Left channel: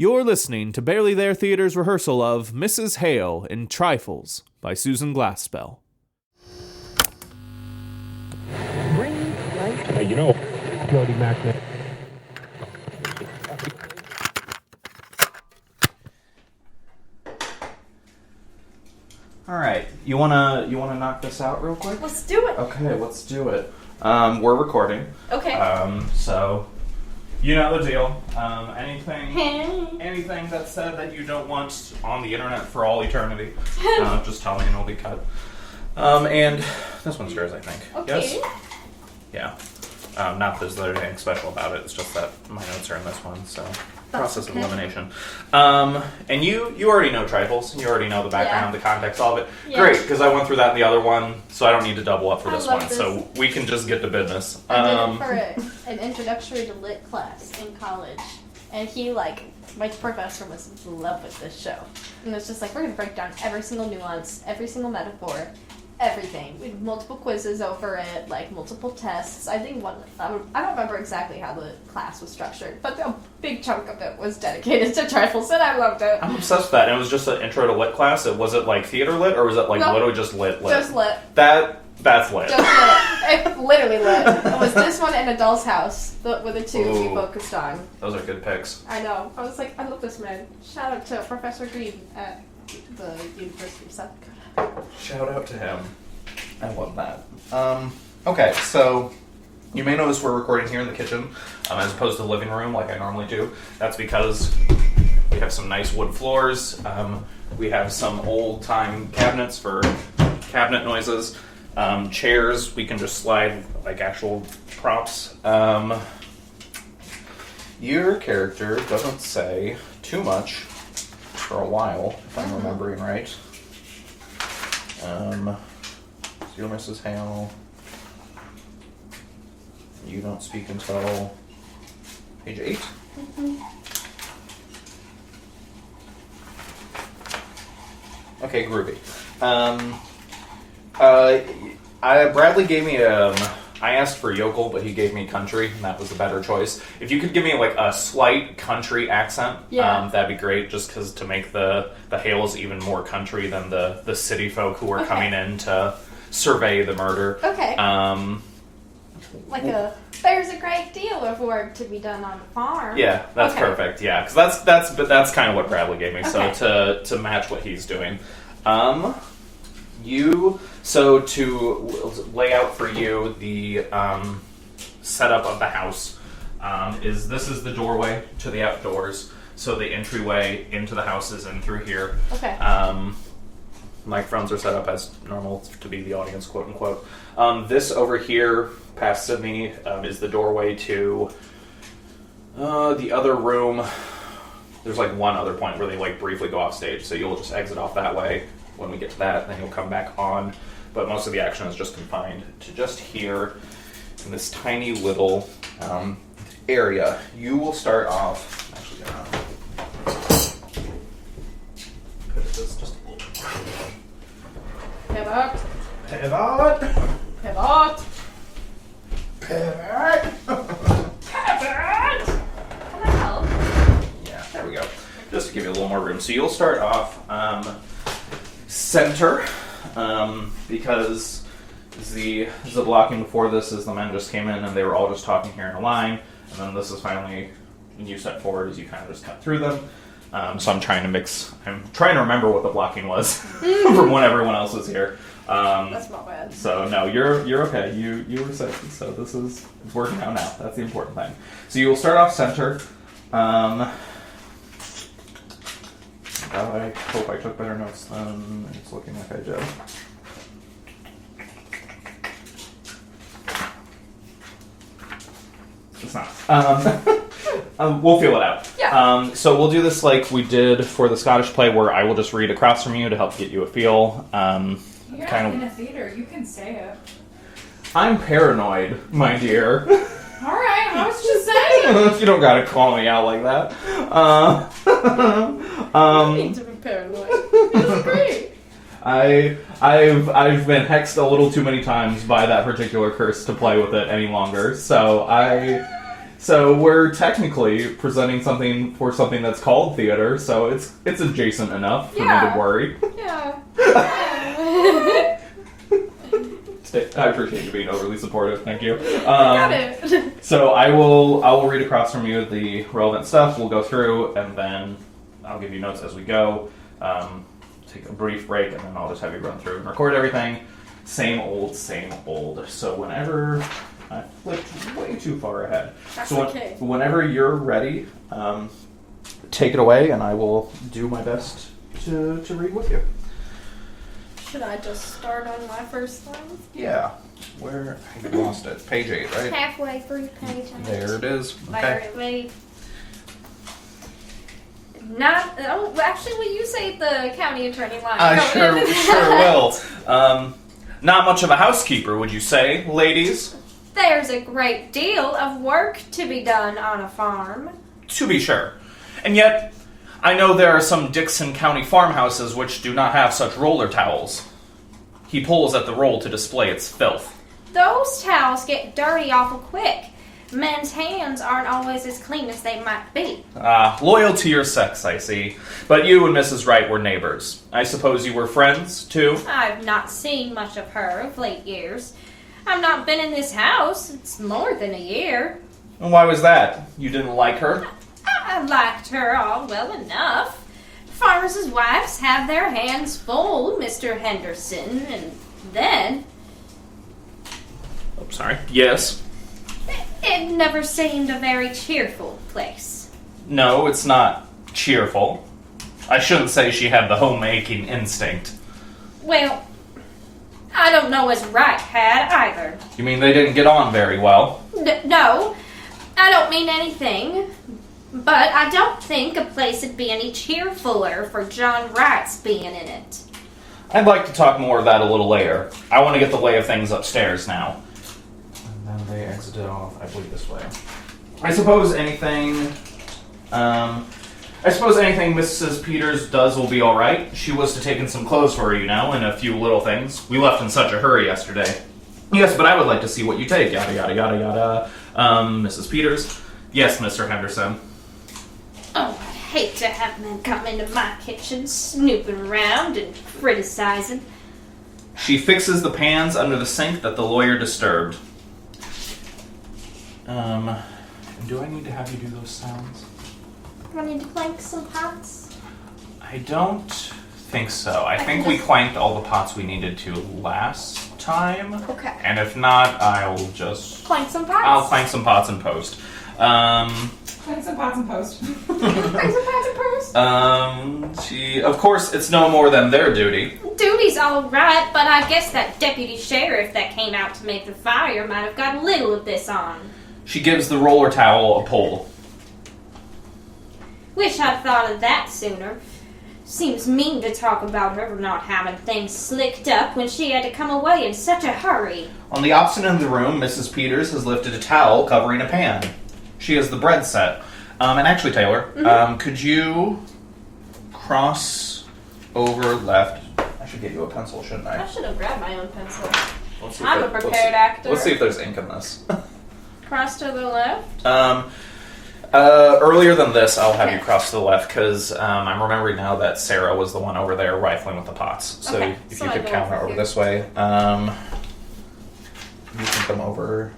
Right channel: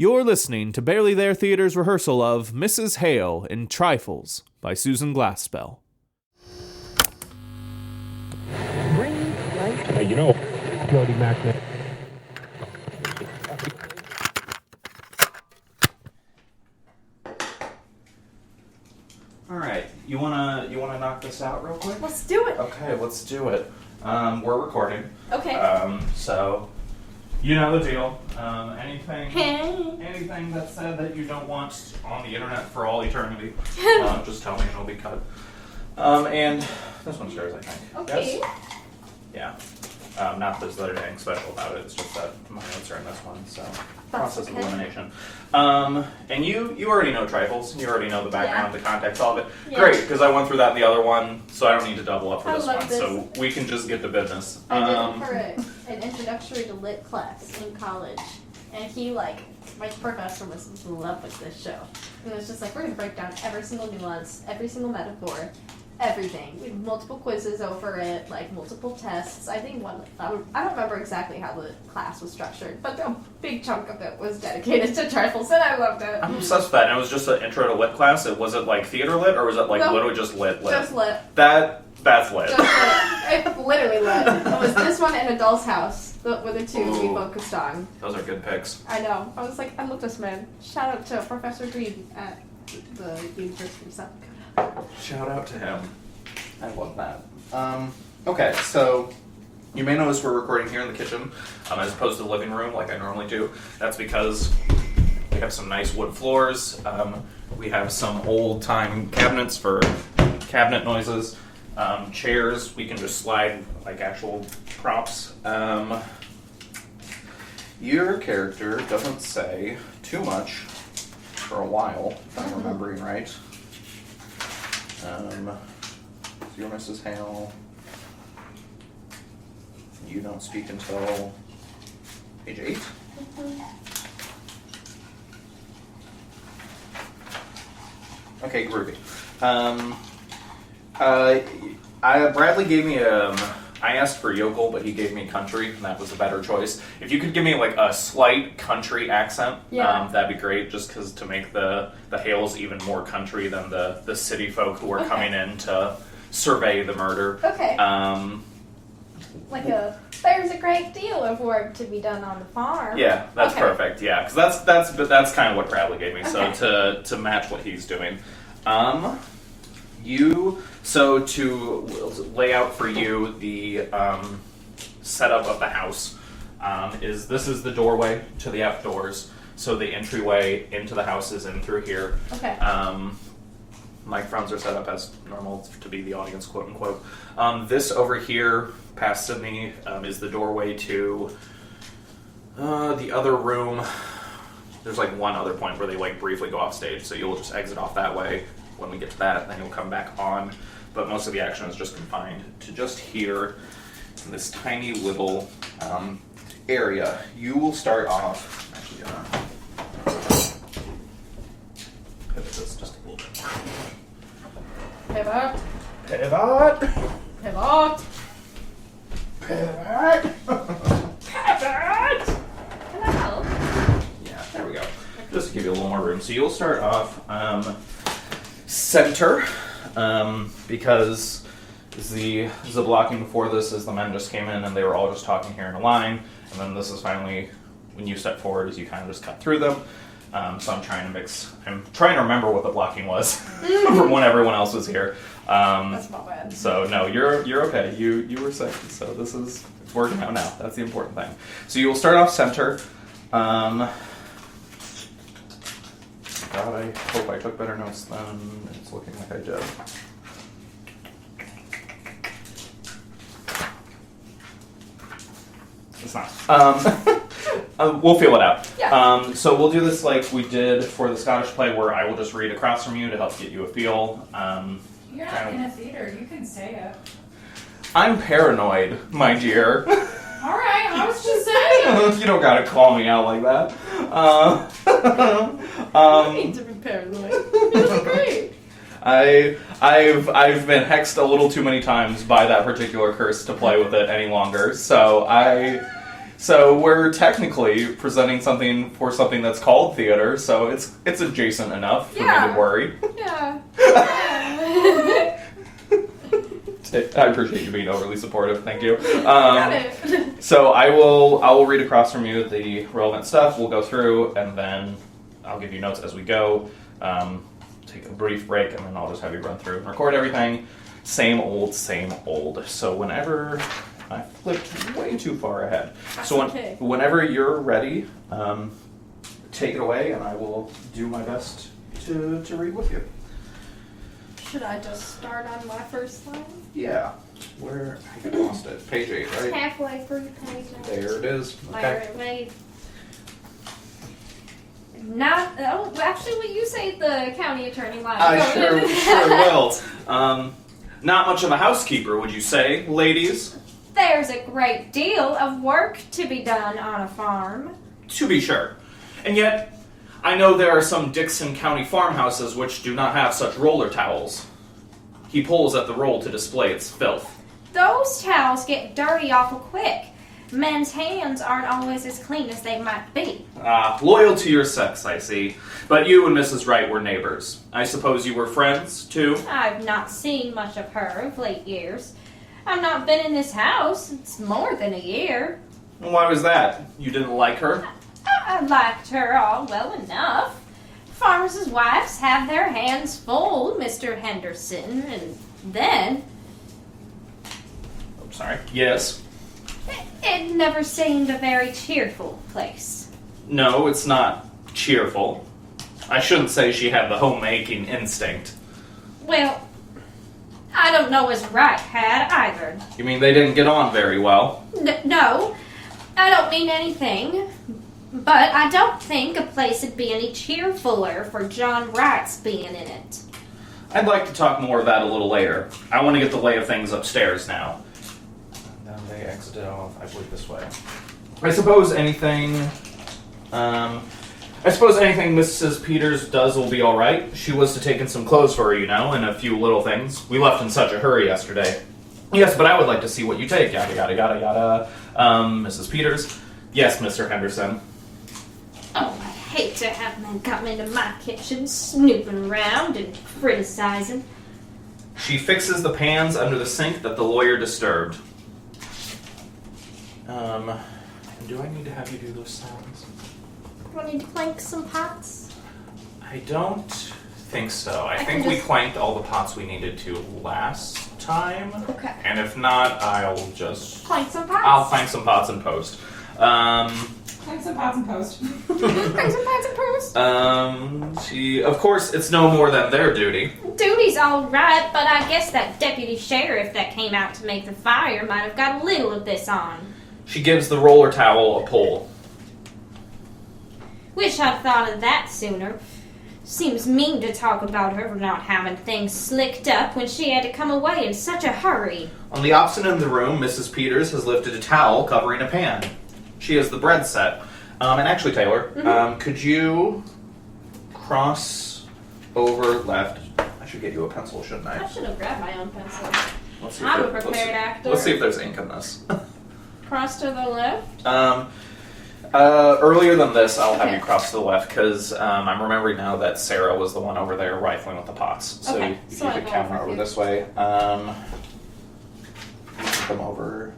You're listening to Barely There Theater's rehearsal of Mrs. Hale in Trifles by Susan Glaspell. Jody Magnet. All right, you wanna knock this out real quick? Let's do it. Okay, let's do it. We're recording. Okay. So you know the deal. Anything that's said that you don't want on the internet for all eternity, just tell me and it'll be cut. And this one's yours, I think. Okay. Yes? Yeah. Not that there's anything special about it. It's just that my notes are in this one, so process of elimination. And you already know Trifles. You already know the background, the context, all of it. Yeah. Great, because I went through that in the other one, so I don't need to double up for I this love one. this. So we can just get to business. I did it for an introductory to lit class in college, and my professor was in love with this show, and it was just like, we're gonna break down every single nuance, every single metaphor, everything. We had multiple quizzes over it, like multiple tests. I think I don't remember exactly how the class was structured, but a big chunk of it was dedicated to Trifles, and I loved it. I'm obsessed with that. And it was just an intro to lit class. Was it like theater lit, or was it like No. literally just lit? Just lit. That's lit. Just lit. It literally lit. It was this one and A Doll's House were the two we Ooh. focused on. Those are good picks. I know. I was like, I love this man. Shout out to Professor Green at the University of South Dakota. Shout out to him. I love that. Okay, so you may notice we're recording here in the kitchen as opposed to the living room like I normally do. That's because we have some nice wood floors. We have some old-time cabinets for cabinet noises. Chairs, we can just slide like actual props. Your character doesn't say too much for a while, if I'm remembering right. You're Mrs. Hale. You don't speak until page 8. Okay, groovy. Bradley gave me I asked for yokel, but he gave me country, and that was a better choice. If you could give me like a slight country accent, that'd be great. Just because to make the Hales even more country than the city folk who are coming in to survey the murder. Okay. There's a great deal of work to be done on the farm. Yeah, that's perfect. Yeah, because that's kind of what Bradley gave me. Okay. So to match what he's doing, to lay out for you the setup of the house this is the doorway to the outdoors. So the entryway into the house is in through here. Okay. Microphones are set up as normal to be the audience, quote unquote. This over here, past me, is the doorway to the other room. There's like one other point where they like briefly go off stage, so you'll just exit off that way when we get to that, then you'll come back on. But most of the action is just confined to just here in this tiny little area. You will start off. Actually, pivot this just a little bit more. Pivot. Pivot. Pivot. Pivot. Pivot. Well. Yeah, there we go. Just to give you a little more room. So you'll start off center, because the blocking before this is the men just came in and they were all just talking here in a line, and then this is finally when you step forward is you kind of just cut through them. So I'm trying to remember what the blocking was from when everyone else was here. That's not bad. So no, you're okay. You were sick, so it's working out now. That's the important thing. So you'll start off center. God, I hope I took better notes than it's looking like I did. It's not. We'll feel it out. Yeah. So we'll do this like we did for the Scottish play, where I will just read across from you to help get you a feel. You're not in a theater. You can say it. I'm paranoid, my dear. All right, I was just saying. You don't gotta call me out like that. I need to be paranoid. It's great. I've been hexed a little too many times by that particular curse to play with it any longer. So So we're technically presenting something for something that's called theater, so it's adjacent enough for me to worry. Yeah. I appreciate you being overly supportive. Thank you. Got it. So I will read across from you the relevant stuff. We'll go through, and then I'll give you notes as we go. Take a brief break, and then I'll just have you run through and record everything. Same old, same old. So whenever I flipped way too far ahead. That's so okay. Whenever you're ready, take it away, and I will do my best to read with you. Should I just start on my first line? Yeah. Where I lost it. Page 8, right? Halfway through page 8. There it is. There Okay. it laid. Not. Oh, actually, will you say the county attorney line? I sure will. Not much of a housekeeper, would you say, ladies? There's a great deal of work to be done on a farm. To be sure. And yet, I know there are some Dixon County farmhouses which do not have such roller towels. He pulls at the roll to display its filth. Those towels get dirty awful quick. Men's hands aren't always as clean as they might be. Loyal to your sex, I see. But you and Mrs. Wright were neighbors. I suppose you were friends, too? I've not seen much of her of late years. I've not been in this house. It's more than a year. And why was that? You didn't like her? I liked her all well enough. Farmers' wives have their hands full, Mr. Henderson, and then... Oh, sorry. Yes? It never seemed a very cheerful place. No, it's not cheerful. I shouldn't say she had the homemaking instinct. Well, I don't know as Wright had either. You mean they didn't get on very well? No, I don't mean anything. But I don't think a place would be any cheerfuller for John Wright's being in it. I'd like to talk more of that a little later. I want to get the lay of things upstairs now. And then they exited off, I believe, this way. I suppose anything Mrs. Peters does will be all right. She was to take in some clothes for her, you know, and a few little things. We left in such a hurry yesterday. Yes, but I would like to see what you take. Yada yada yada yada. Mrs. Peters. Yes, Mr. Henderson. Oh, I hate to have men come into my kitchen snooping around and criticizing. She fixes the pans under the sink that the lawyer disturbed. Do I need to have you do those sounds? I need to clank some pots. I don't think so. I think can we just- clanked all the pots we needed to last time. Okay. And if not, I'll just... Clank some pots? I'll clank some pots in post. Clank some pots and post. Clank some pots and post? Of course, it's no more than their duty. Duty's all right, but I guess that deputy sheriff that came out to make the fire might have got a little of this on. She gives the roller towel a pull. Wish I'd thought of that sooner. Seems mean to talk about her not having things slicked up when she had to come away in such a hurry. On the opposite end of the room, Mrs. Peters has lifted a towel covering a pan. She has the bread set. And actually, Taylor, could you cross over left? I should get you a pencil, shouldn't I I? should have grabbed my own pencil. Let's see if I'm a there- prepared actor. Let's see if there's ink in this. Cross to the left. Earlier than this, I'll have Okay. you cross to the left because I'm remembering now that Sarah was the one over there rifling with the pots. So Okay, if so you I could go counter over over here. this way, you can come over.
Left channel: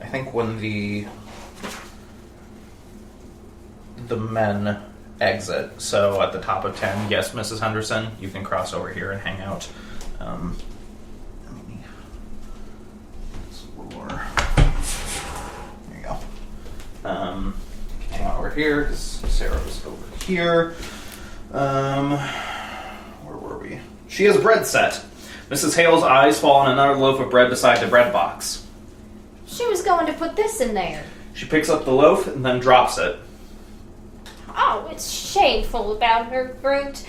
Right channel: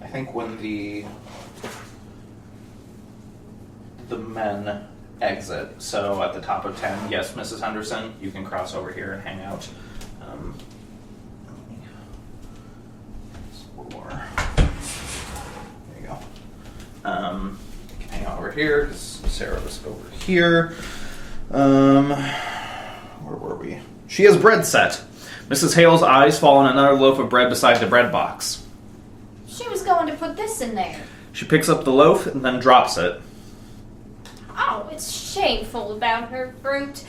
I think when the men exit, so at the top of 10, yes, Mrs. Henderson, you can cross over here and hang out. Let me explore. There you go. Hang out over here, because Sarah was over here. Where were we? She has bread set. Mrs. Hale's eyes fall on another loaf of bread beside the bread box. She was going to put this in there. She picks up the loaf and then drops it. Oh, it's shameful about her fruit.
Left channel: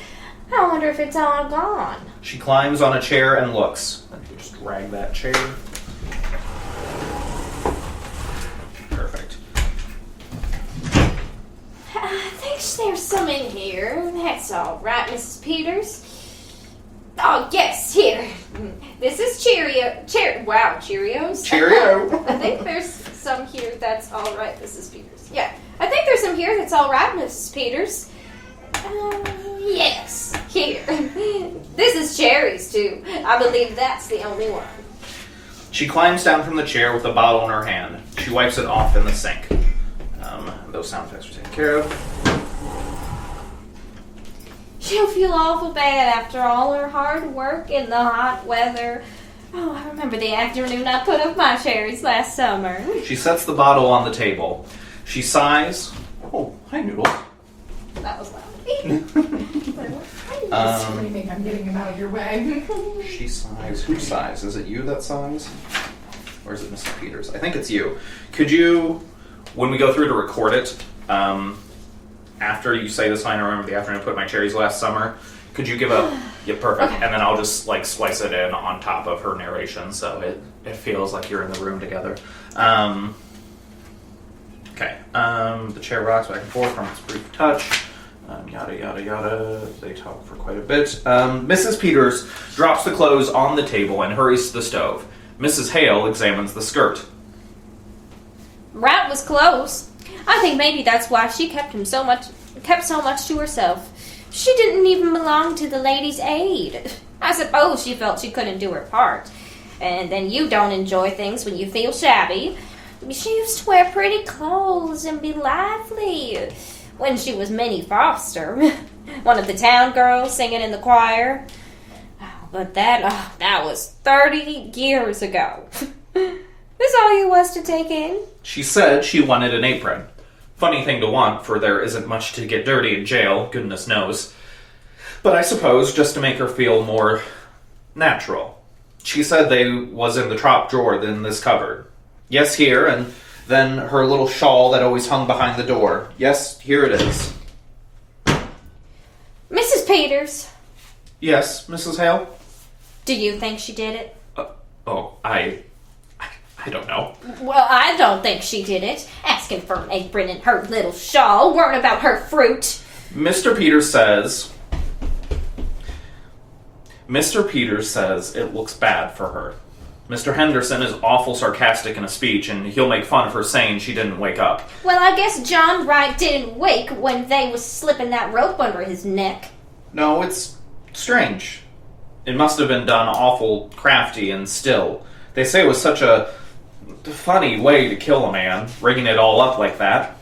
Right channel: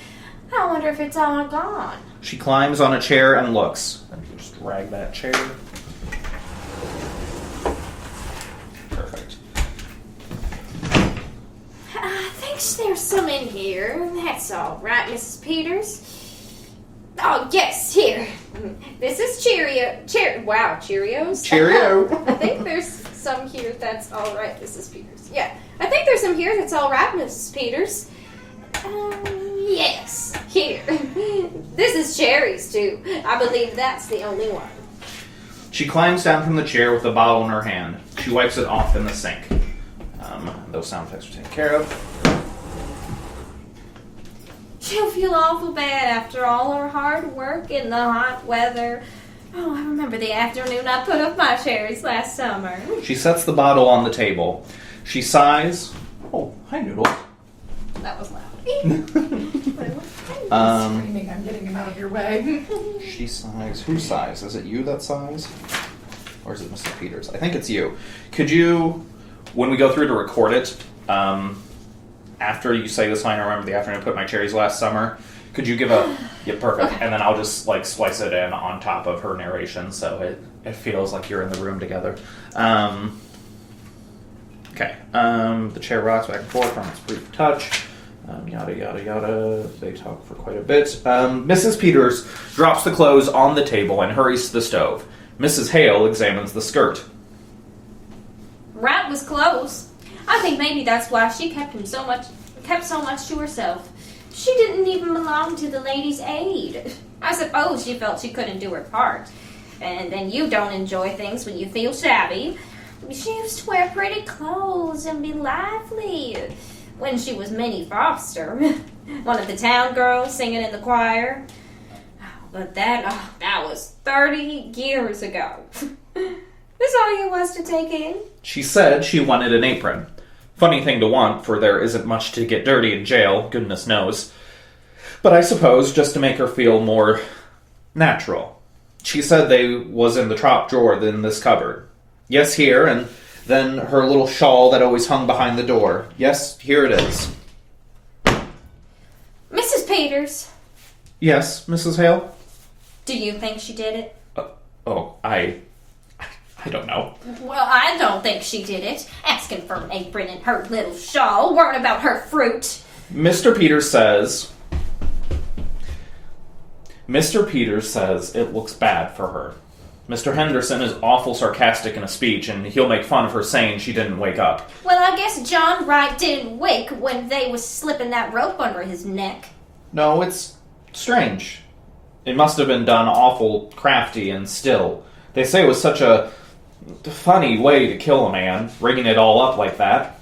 I wonder if it's all gone. She climbs on a chair and looks. And you can just drag that chair. Perfect. I think there's some in here. That's all right, Mrs. Peters. Oh, yes, here. This is wow, Cheerios? Cheerio. I think there's some here that's all right, Mrs. Peters. Yeah, I think there's some here that's all right, Mrs. Peters. Yes, here. This is cherries, too. I believe that's the only one. She climbs down from the chair with a bottle in her hand. She wipes it off in the sink. Those sound effects are taken care of. She'll feel awful bad after all her hard work in the hot weather. Oh, I remember the afternoon I put up my cherries last summer. She sets the bottle on the table. She sighs. Oh, hi, Noodle. That was loud. Screaming, I'm getting him out of your way. She sighs. Who sighs? Is it you that sighs? Or is it Mr. Peters? I think it's you. Could you, when we go through to record it, after you say this line, I remember the afternoon I put my cherries last summer, could you give a, yeah, perfect, Okay. and then I'll just like slice it in on top of her narration so it feels like you're in the room together. Okay, the chair rocks back and forth from its brief touch. Yada yada yada. They talk for quite a bit. Mrs. Peters drops the clothes on the table and hurries to the stove. Mrs. Hale examines the skirt. Rat was close. I think maybe that's why she kept so much to herself. She didn't even belong to the Ladies' Aid. I suppose she felt she couldn't do her part. And then you don't enjoy things when you feel shabby. She used to wear pretty clothes and be lively. When she was Minnie Foster, one of the town girls singing in the choir. But that was 30 years ago. That's all you was to take in. She said she wanted an apron. Funny thing to want, for there isn't much to get dirty in jail, goodness knows. But I suppose just to make her feel more natural. She said they was in the top drawer in this cupboard. Yes, here, and then her little shawl that always hung behind the door. Yes, here it is. Mrs. Peters, Yes, Mrs. Hale? do you think she did it? I don't know. Well, I don't think she did it. Asking for an apron and her little shawl, worrying about her fruit. Mr. Peters says it looks bad for her. Mr. Henderson is awful sarcastic in a speech, and he'll make fun of her saying she didn't wake up. Well, I guess John Wright didn't wake when they was slipping that rope under his neck. No, it's strange. It must have been done awful crafty and still. They say it was such a funny way to kill a man, rigging it all up like that.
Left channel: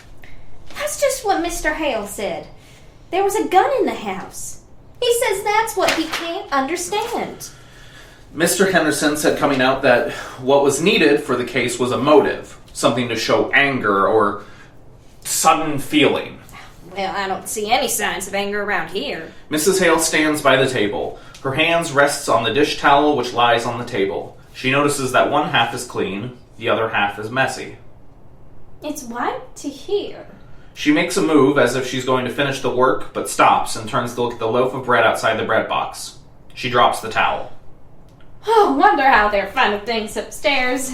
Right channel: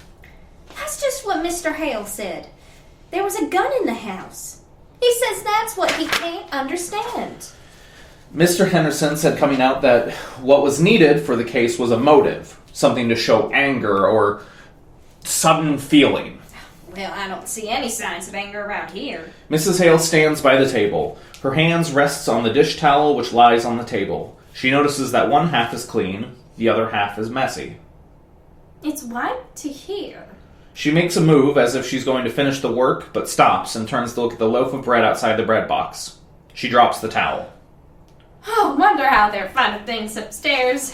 That's just what Mr. Hale said. There was a gun in the house. He says that's what he can't understand. Mr. Henderson said coming out that what was needed for the case was a motive, something to show anger or sudden feeling. Well, I don't see any signs of anger around here. Mrs. Hale stands by the table. Her hands rests on the dish towel which lies on the table. She notices that one half is clean, the other half is messy. It's white to here. She makes a move as if she's going to finish the work, but stops and turns to look at the loaf of bread outside the bread box. She drops the towel. Oh, wonder how they're finding things upstairs.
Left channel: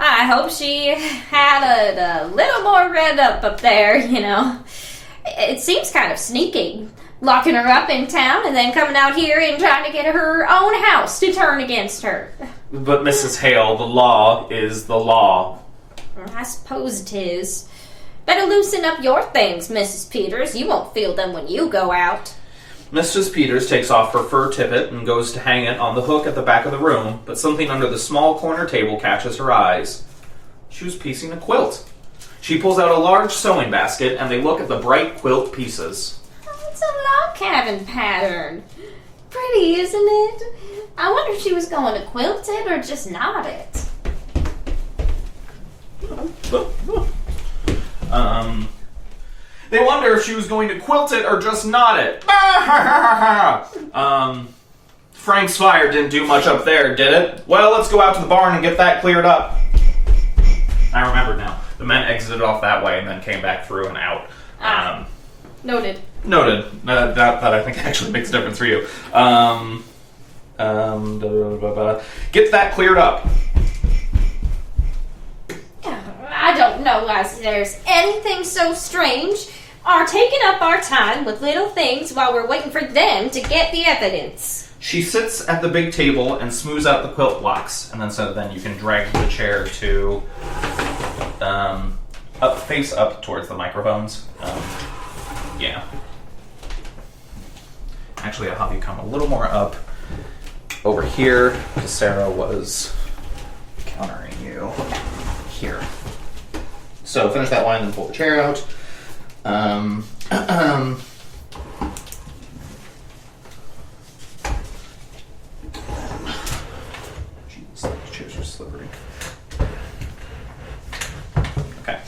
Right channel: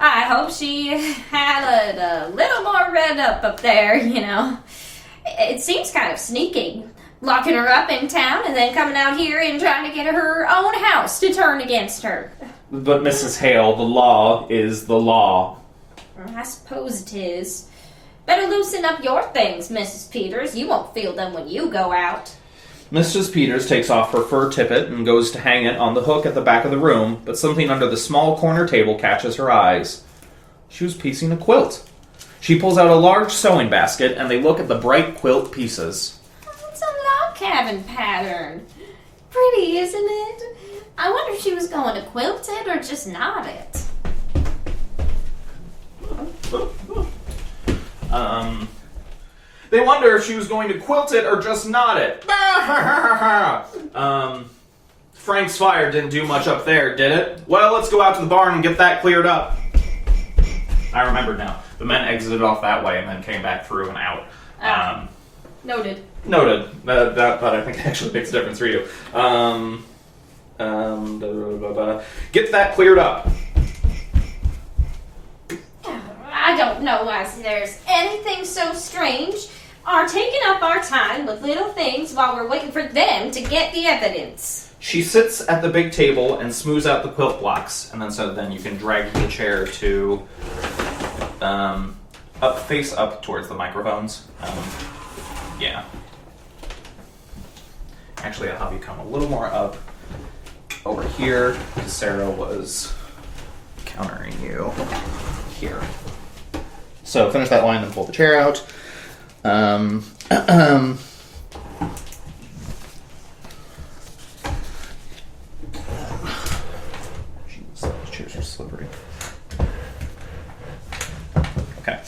I hope she had it a little more read up there, you know. It seems kind of sneaky, locking her up in town and then coming out here and trying to get her own house to turn against her. But Mrs. Hale, the law is the law. I suppose it is. Better loosen up your things, Mrs. Peters. You won't feel them when you go out. Mrs. Peters takes off her fur tippet and goes to hang it on the hook at the back of the room, but something under the small corner table catches her eyes. She was piecing a quilt. She pulls out a large sewing basket, and they look at the bright quilt pieces. Oh, it's a log cabin pattern. Pretty, isn't it? I wonder if she was going to quilt it or just knot it. They wonder if she was going to quilt it or just knot it. Frank's fire didn't do much up there, did it? Well, let's go out to the barn and get that cleared up. I remember now. The men exited off that way and then came back through and out. Noted. Noted. That I think actually makes a difference for you. Get that cleared up. I don't know why there's anything so strange. Our taking up our time with little things while we're waiting for them to get the evidence. She sits at the big table and smooths out the quilt blocks, and then you can drag the chair to face up towards the microphones. Yeah. Actually, I'll have you come a little more up over here, because Sarah was countering you here. So finish that line, then pull the chair out. Jeez, these chairs are slippery. Okay.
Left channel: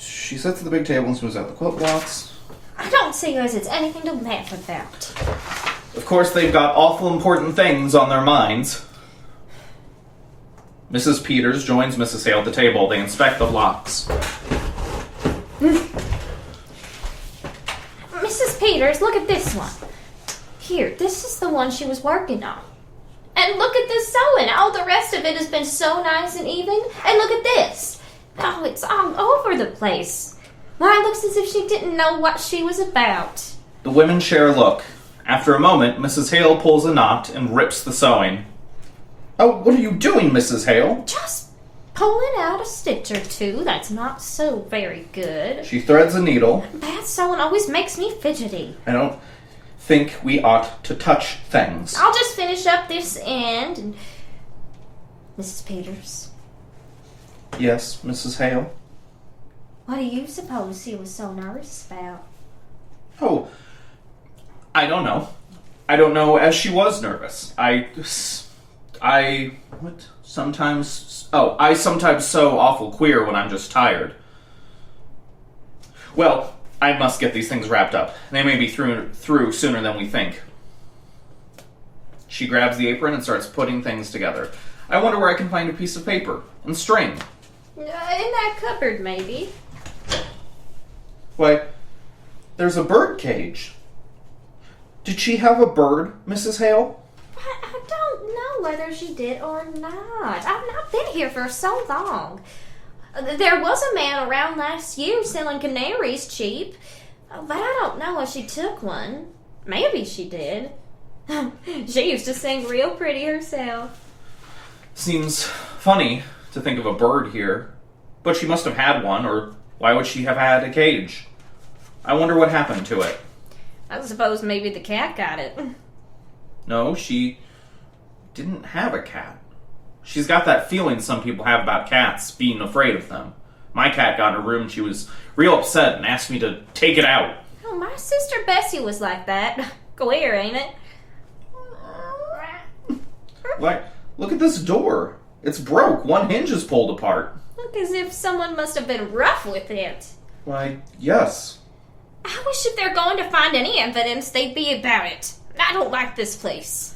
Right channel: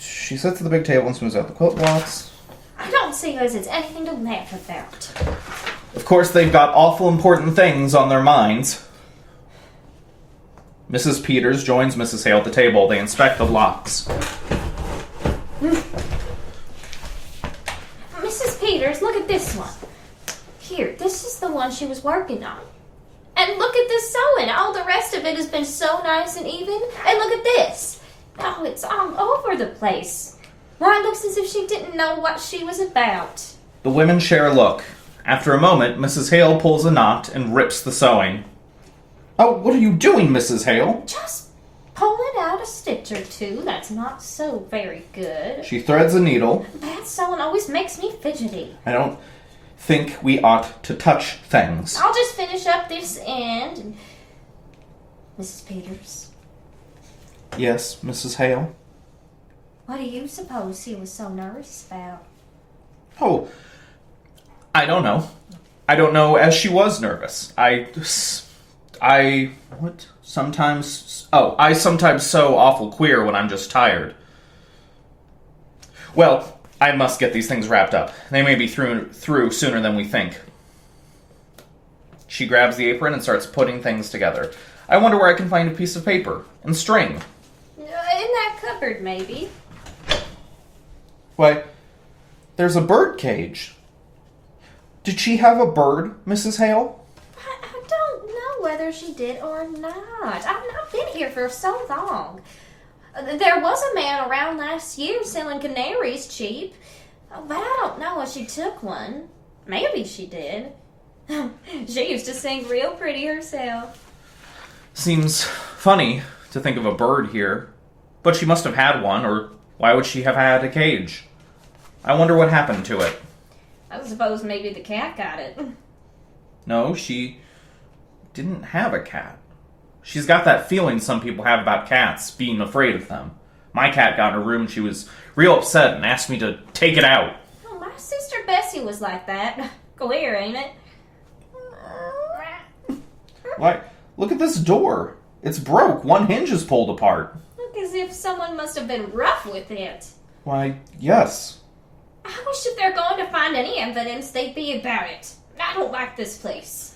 She sits at the big table and smooths out the quilt blocks. I don't see as it's anything to laugh about. Of course, they've got awful important things on their minds. Mrs. Peters joins Mrs. Hale at the table. They inspect the blocks. Mrs. Peters, look at this one. Here, this is the one she was working on. And look at this sewing. All the rest of it has been so nice and even. And look at this. Oh, it's all over the place. Why, it looks as if she didn't know what she was about. The women share a look. After a moment, Mrs. Hale pulls a knot and rips the sewing. Oh, what are you doing, Mrs. Hale? Just pulling out a stitch or two. That's not so very good. She threads a needle. Bad sewing always makes me fidgety. I don't think we ought to touch things. I'll just finish up this end. And Mrs. Peters, Yes, Mrs. Hale? what do you suppose he was so nervous about? Oh, I don't know. I don't know, as she was nervous. I sometimes sew awful queer when I'm just tired. Well, I must get these things wrapped up. They may be through sooner than we think. She grabs the apron and starts putting things together. I wonder where I can find a piece of paper and string. In that cupboard, maybe. Why, there's a bird cage. Did she have a bird, Mrs. Hale? I don't know whether she did or not. I've not been here for so long. There was a man around last year selling canaries cheap, but I don't know if she took one. Maybe she did. She used to sing real pretty herself. Seems funny to think of a bird here, but she must have had one, or why would she have had a cage? I wonder what happened to it. I suppose maybe the cat got it. No, she didn't have a cat. She's got that feeling some people have about cats, being afraid of them. My cat got in her room and she was real upset and asked me to take it out. Oh, my sister Bessie was like that. Queer, ain't it? Like, look at this door. It's broke. One hinge is pulled apart. Look as if someone must have been rough with it. Why, yes. I wish if they're going to find any evidence, they'd be about it. I don't like this place.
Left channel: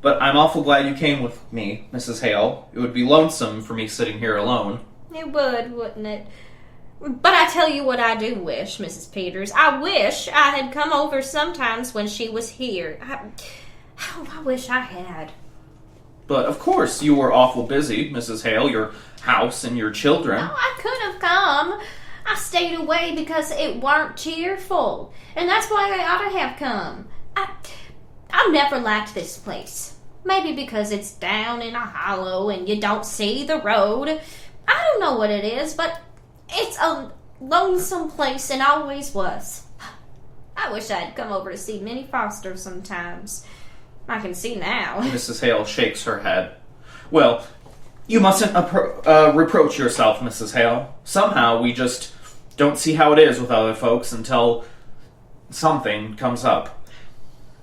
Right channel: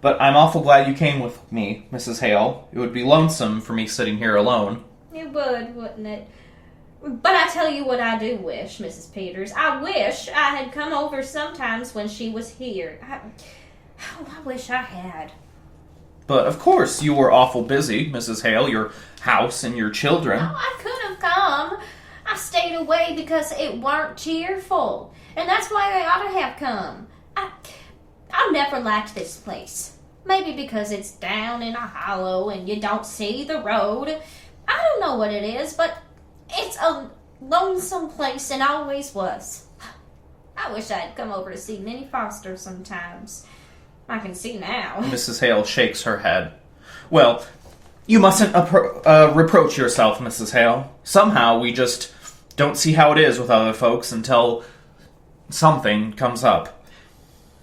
But I'm awful glad you came with me, Mrs. Hale. It would be lonesome for me sitting here alone. It would, wouldn't it? But I tell you what I do wish, Mrs. Peters. I wish I had come over sometimes when she was here. I wish I had. But of course you were awful busy, Mrs. Hale, your house and your children. No, I could have come. I stayed away because it weren't cheerful. And that's why I ought to have come. I've never liked this place. Maybe because it's down in a hollow and you don't see the road. I don't know what it is, but it's a lonesome place and always was. I wish I'd come over to see Minnie Foster sometimes. I can see now. Mrs. Hale shakes her head. Well, you mustn't reproach yourself, Mrs. Hale. Somehow we just don't see how it is with other folks until something comes up.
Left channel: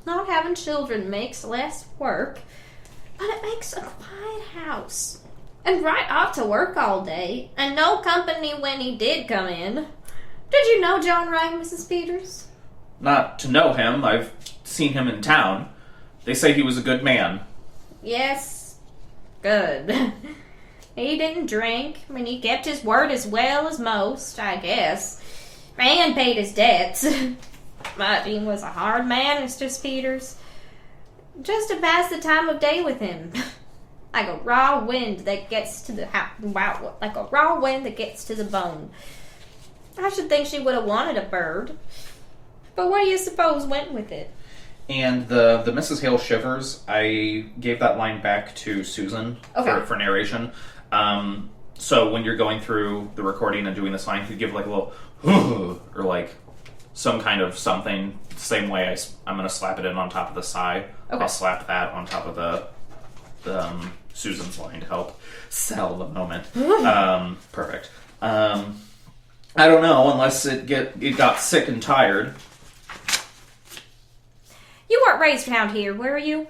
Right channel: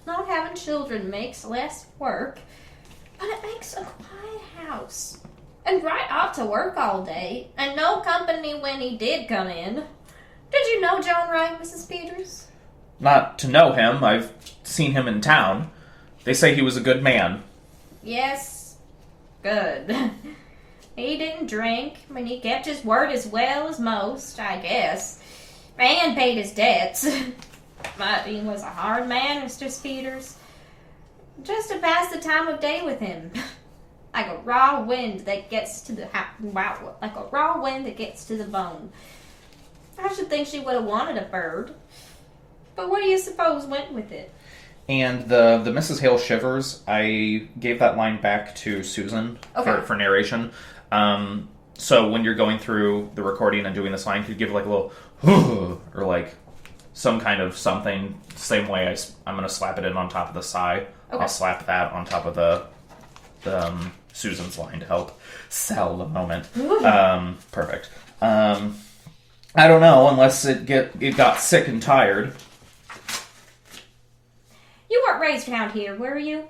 Not having children makes less work, but it makes a quiet house. And right off to work all day, and no company when he did come in. Did you know John Wright, Mrs. Peters? Not to know him. I've seen him in town. They say he was a good man. Yes, good. He didn't drink. I mean, he kept his word as well as most, I guess. And paid his debts. But he was a hard man, Mr. Peters. Just to pass the time of day with him. Like a raw wind that gets to the like a raw wind that gets to the bone. I should think she would have wanted a bird. But what do you suppose went with it? And the Mrs. Hale shivers, I gave that line back to Susan for narration. So when you're going through the recording and doing this line, you could give like a little or like some kind of something. Same way I'm going to slap it in on top of the sigh. Okay. I'll slap that on top of the Susan's line to help sell the moment. Perfect. I don't know, unless it got sick and tired. You weren't raised around here, were you?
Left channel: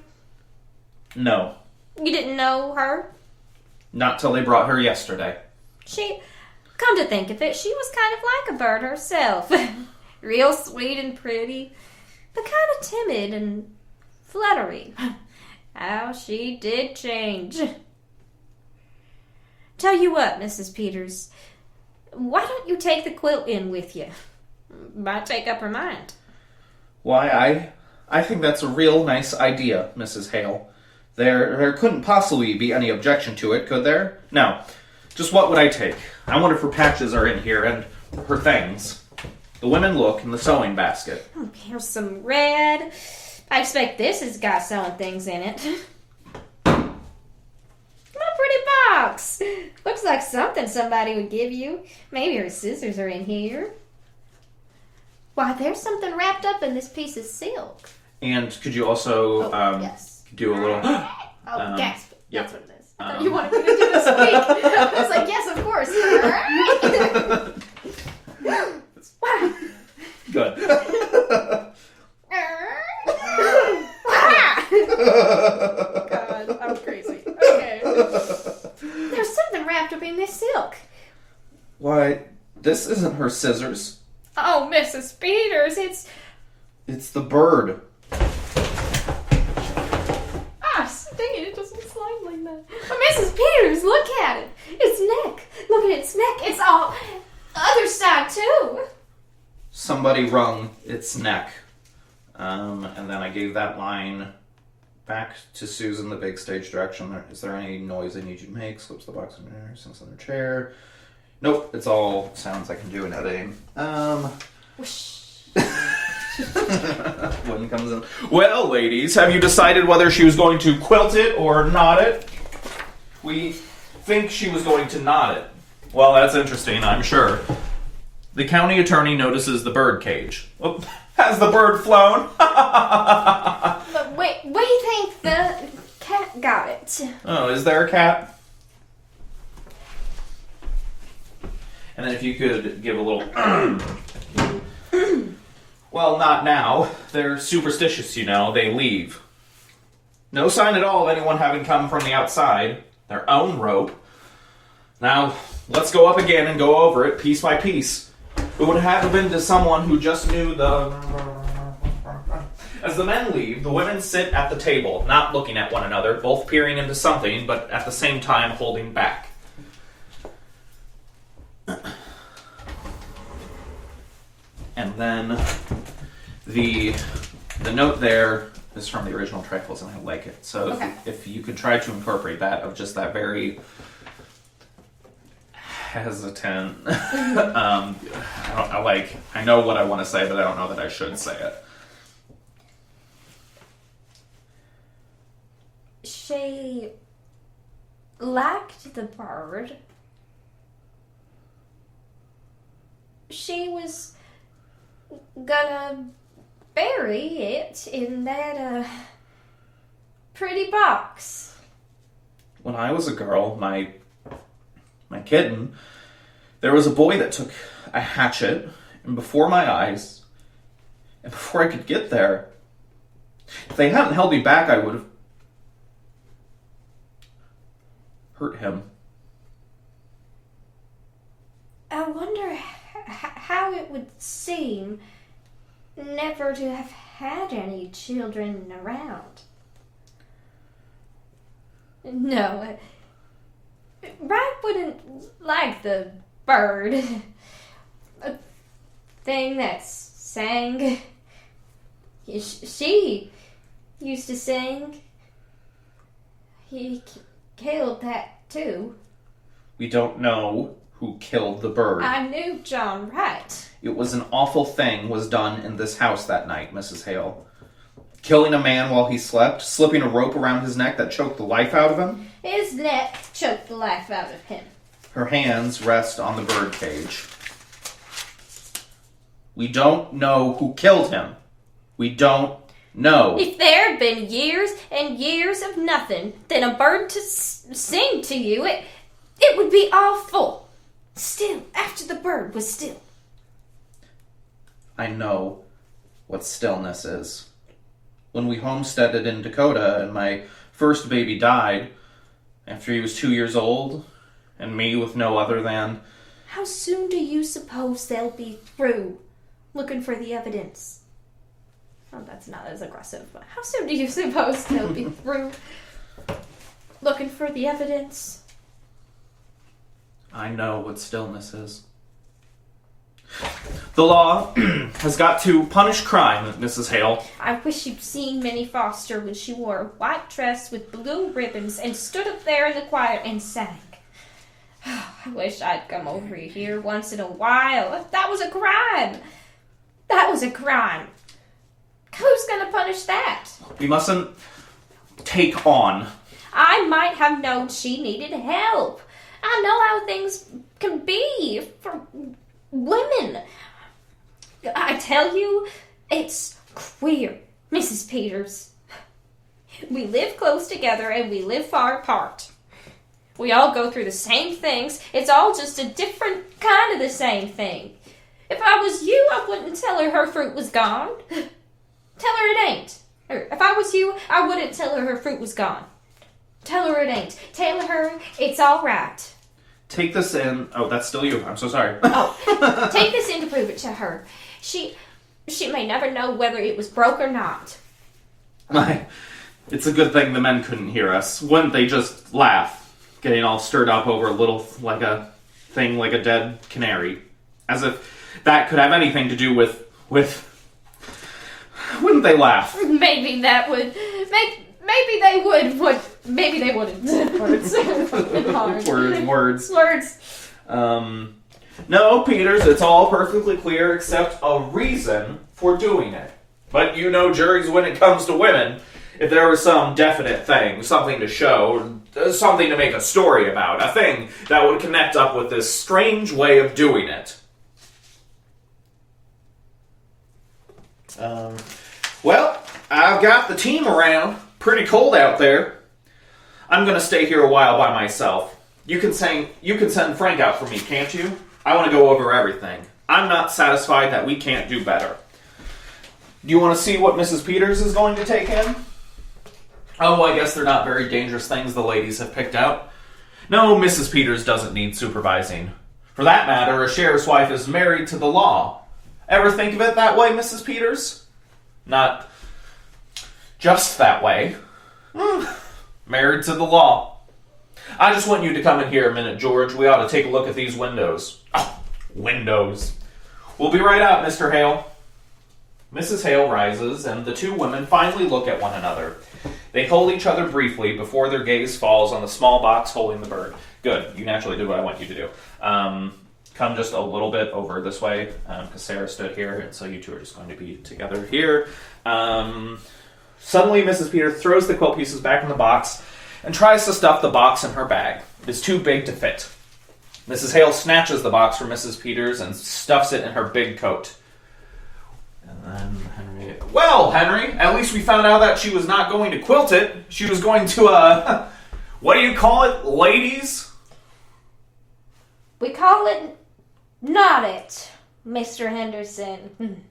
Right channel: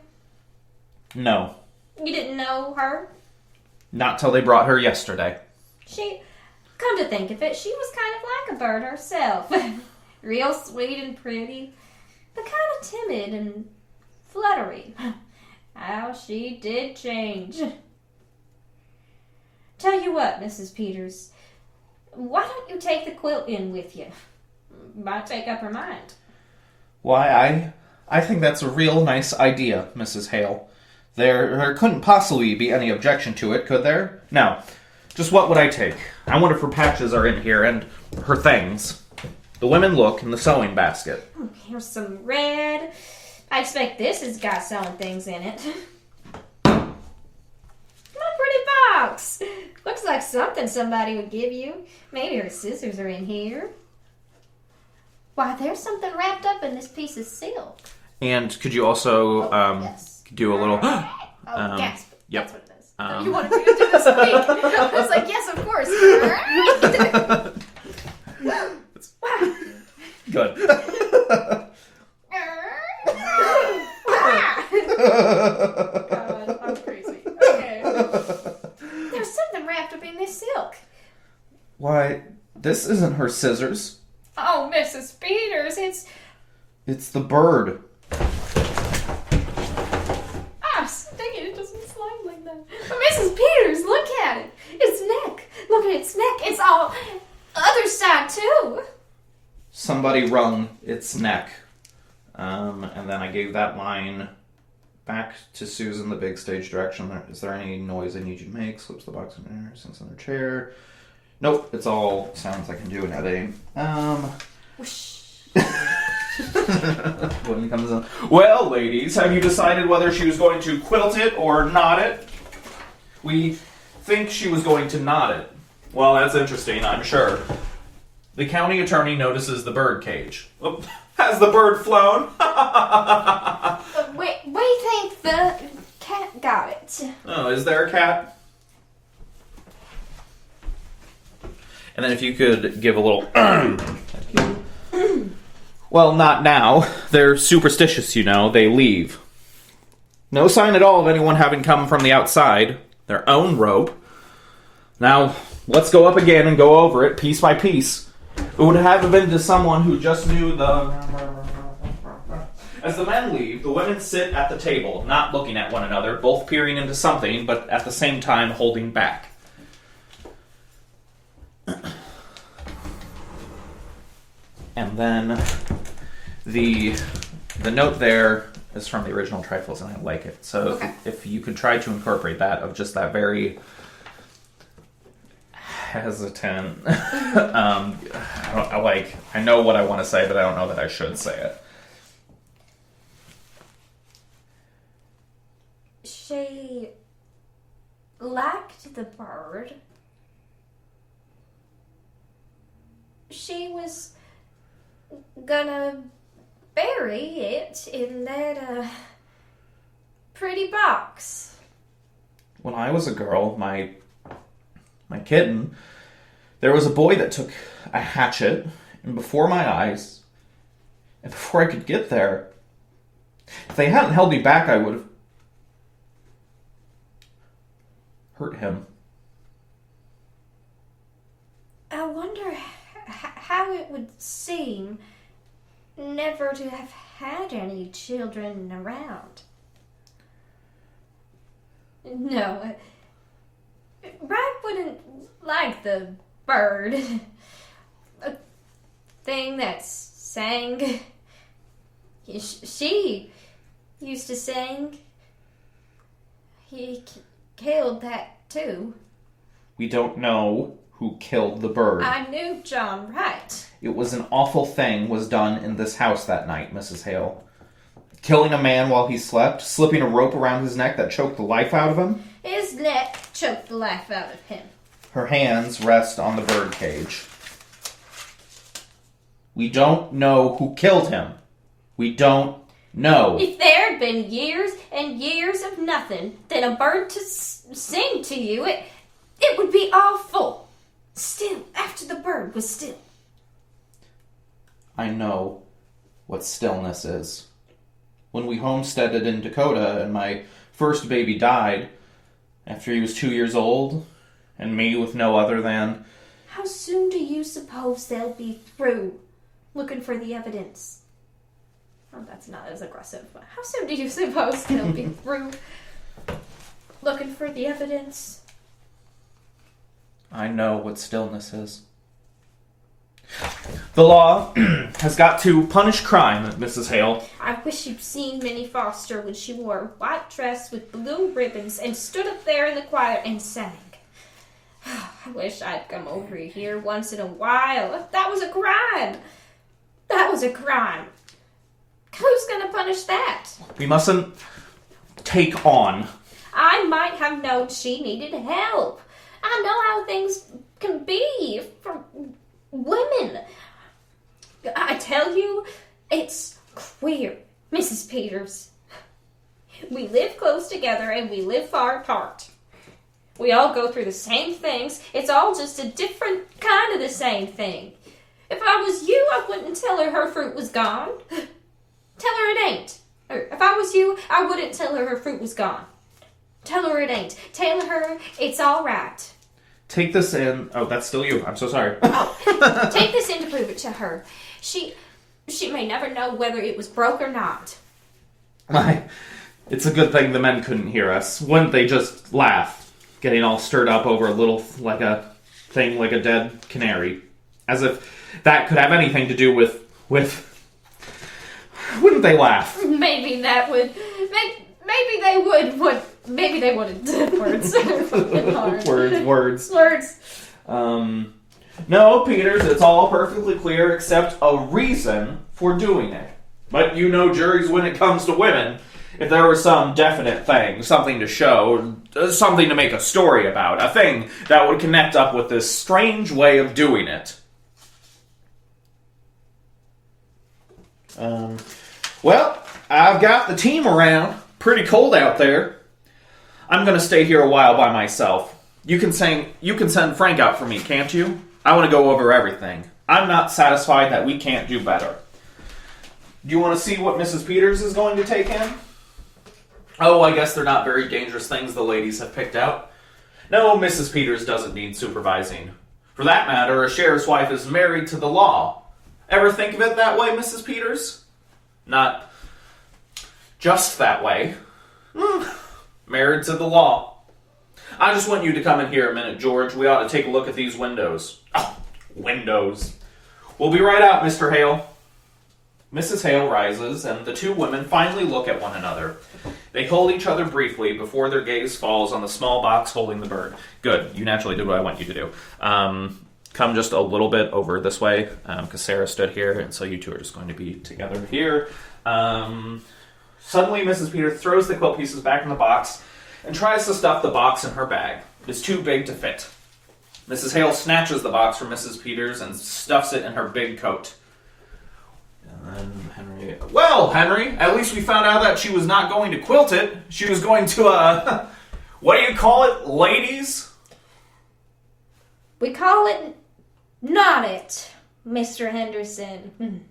No. You didn't know her? Not till they brought her yesterday. Come to think of it, she was kind of like a bird herself. Real sweet and pretty, but kind of timid and fluttery. How she did change. Tell you what, Mrs. Peters, why don't you take the quilt in with you? Might take up her mind. Why, I think that's a real nice idea, Mrs. Hale. There couldn't possibly be any objection to it, could there? Now, just what would I take? I wonder if her patches are in here, and her things. The women look in the sewing basket. Here's some red. I expect this has got sewing things in it. My pretty box. Looks like something somebody would give you. Maybe her scissors are in here. Why, there's something wrapped up in this piece of silk. And could you also Yes. do a little... Gasp. Yep. That's what it is. You wanted me to do this week. I was like, yes, of course. Good. God, I'm crazy. Okay. There's something wrapped up in this silk. Why, this isn't her scissors. Oh, Mrs. Peters, It's the bird. Dang it, it doesn't slide like that. Oh, Mrs. Peters, look at it. Its neck. Look at its neck. It's all other side, too. Somebody wrung its neck. And then I gave that line back to Susan, the big stage direction. Is there any noise I need you to make? Slips the box in there, sits in the chair. Nope, it's all sounds I can do in a day. When it comes in. Well, ladies, have you decided whether she was going to quilt it or knot it? We think she was going to knot it. Well, that's interesting, I'm sure. The county attorney notices the bird cage. Oh, has the bird flown? But we think the cat got it. Oh, is there a cat? And then if you could give a little... Well, not now. They're superstitious, you know. They leave. No sign at all of anyone having come from the outside. Their own rope. Now, let's go up again and go over it piece by piece. It would have been to someone who just knew the... As the men leave, the women sit at the table, not looking at one another, both peering into something, but at the same time holding back. And then the note there is from the original Trifles, and I like it. So Okay. if you could try to incorporate that, of just that very hesitant, I know what I want to say, but I don't know that I should say it. She liked the bird. She was gonna bury it in that pretty box. When I was a girl, my kitten, there was a boy that took a hatchet, and before my eyes, and before I could get there, if they hadn't held me back, I would have hurt him. I wonder how it would seem never to have had any children around. No, Ryan wouldn't like the bird. A thing that sang. She used to sing. He killed that too. We don't know who killed the bird. I knew John right. It was an awful thing was done in this house that night, Mrs. Hale. Killing a man while he slept, slipping a rope around his neck that choked the life out of him. His neck choked the life out of him. Her hands rest on the bird cage. We don't know who killed him. We don't know. If there had been years and years of nothing, then a bird to sing to you, it would be awful. Still, after the bird was still. I know what stillness is. When we homesteaded in Dakota and my first baby died, after he was 2 years old, and me with no other than... How soon do you suppose they'll be through looking for the evidence? Oh, that's not as aggressive, but how soon do you suppose they'll be through looking for the evidence? I know what stillness is. The law has got to punish crime, Mrs. Hale. I wish you'd seen Minnie Foster when she wore a white dress with blue ribbons and stood up there in the choir and sang. I wish I'd come over here once in a while. That was a crime. That was a crime. Who's gonna punish that? We mustn't take on. I might have known she needed help. I know how things can be for women. I tell you, it's queer, Mrs. Peters. We live close together and we live far apart. We all go through the same things. It's all just a different kind of the same thing. If I was you, I wouldn't tell her fruit was gone. Tell her it ain't. Or if I was you, I wouldn't tell her fruit was gone. Tell her it ain't. Tell her it's all right. Take this in. Oh, that's still you. I'm so sorry. Oh, take this in to prove it to her. She may never know whether it was broke or not. Why, it's a good thing the men couldn't hear us. Wouldn't they just laugh, getting all stirred up over a little, like a thing like a dead canary? As if that could have anything to do with... Wouldn't they laugh? Maybe that would... Maybe they would. Maybe they wouldn't. Words. Words. No, Peters, it's all perfectly clear except a reason for doing it. But you know juries when it comes to women. If there was some definite thing, something to show, something to make a story about, a thing that would connect up with this strange way of doing it. Well, I've got the team around. Pretty cold out there. I'm gonna stay here a while by myself. You can send Frank out for me, can't you? I want to go over everything. I'm not satisfied that we can't do better. Do you want to see what Mrs. Peters is going to take in? Oh, I guess they're not very dangerous things the ladies have picked out. No, Mrs. Peters doesn't need supervising. For that matter, a sheriff's wife is married to the law. Ever think of it that way, Mrs. Peters? Not just that way. Married to the law. I just want you to come in here a minute, George. We ought to take a look at these windows. Oh, windows. We'll be right out, Mr. Hale. Mrs. Hale rises, and the two women finally look at one another. They hold each other briefly before their gaze falls on the small box holding the bird. Good. You naturally did what I want you to do. Come just a little bit over this way, because Sarah stood here, and so you two are just going to be together here. Suddenly, Mrs. Peters throws the quilt pieces back in the box and tries to stuff the box in her bag. It is too big to fit. Mrs. Hale snatches the box from Mrs. Peters and stuffs it in her big coat. And then Henry... Well, Henry, at least we found out that she was not going to quilt it. She was going to, what do you call it, ladies? We call it not it, Mr. Henderson.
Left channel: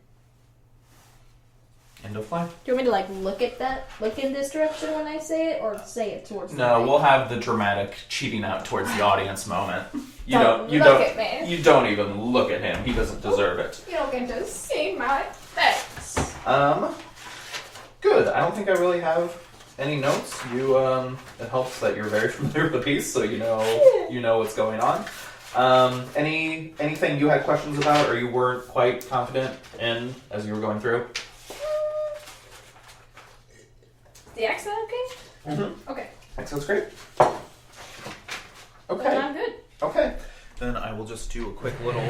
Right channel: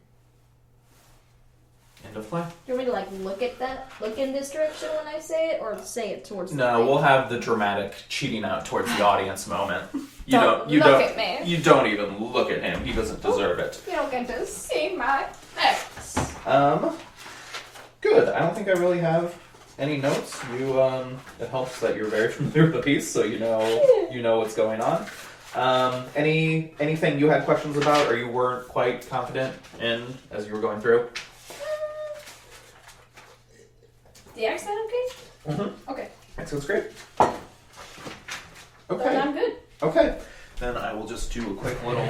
End of play. Do you want me to look in this direction when I say it, or say it towards the No, mic? we'll have the dramatic cheating out towards the audience moment. You Don't look at me. You don't even look at him. He doesn't deserve it. You don't get to see my face. Good. I don't think I really have any notes. You, it helps that you're very familiar with the piece, so you know what's going on. Anything you had questions about, or you weren't quite confident in as you were going through? The accent okay? Mm-hmm. Okay. Accent's great. Then Okay. I'm good. Okay. Then I will just do a quick little...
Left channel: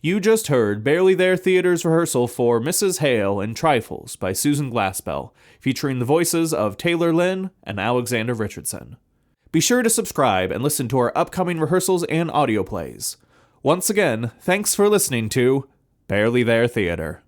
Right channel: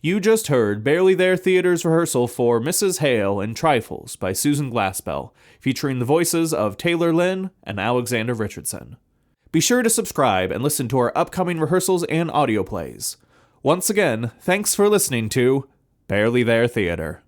You just heard Barely There Theater's rehearsal for Mrs. Hale and Trifles by Susan Glaspell, featuring the voices of Taylor Lynn and Alexander Richardson. Be sure to subscribe and listen to our upcoming rehearsals and audio plays. Once again, thanks for listening to Barely There Theater.